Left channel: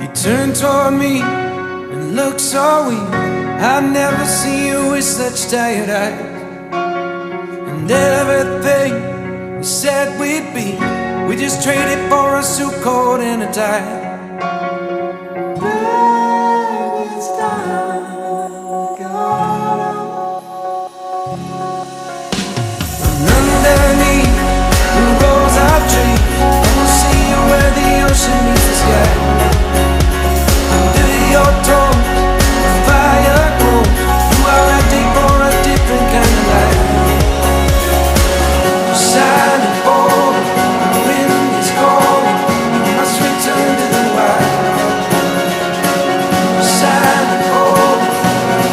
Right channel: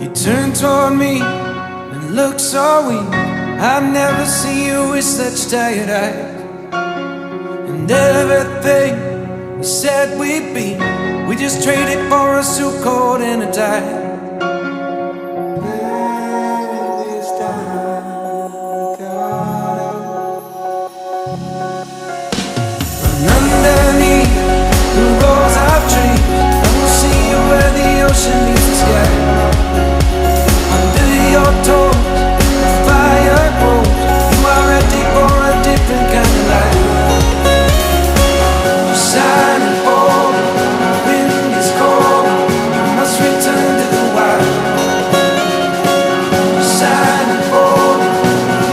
You turned toward me and looked so weak. I've never seen you with such tired eyes. And everything we said we'd be, we just traded for a suit coat and a tie. And underneath the rows of trees, I will see you where the ocean meets the sky. Under your toes, the fire grows. You are ready for a different kind of life. You're silent for the wind is cold. You must return to the wild. You're silent for the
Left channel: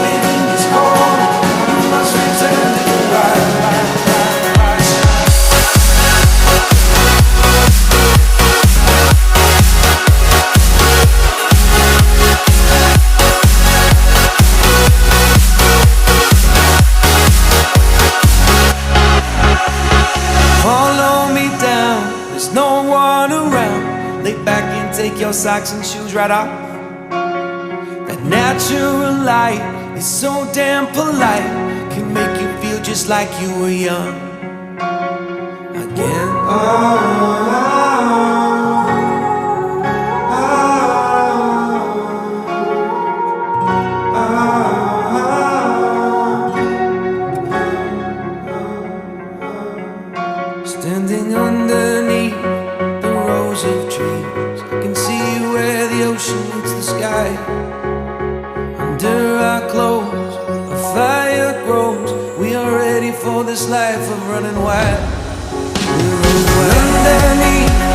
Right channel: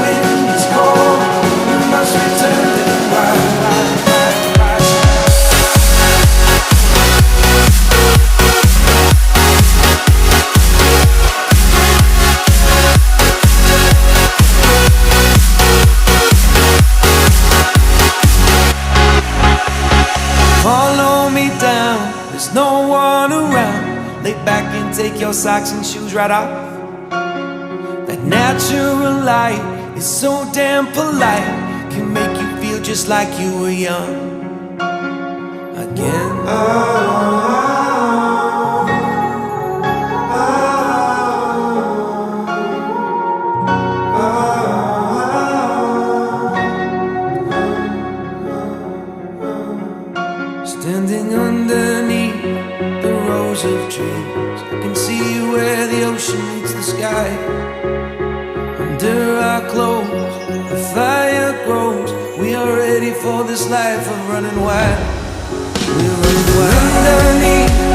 wind is cold. You must return to the wild. Follow me down, there's no one around. Lay back and take your socks and shoes right off. That natural light is so damn polite, can make you feel just like you were young again. Standing underneath the rows of trees, I can see where the ocean meets the sky. Under our clothes, a fire grows. We are ready for this life of running wild. We're running wild. Underneath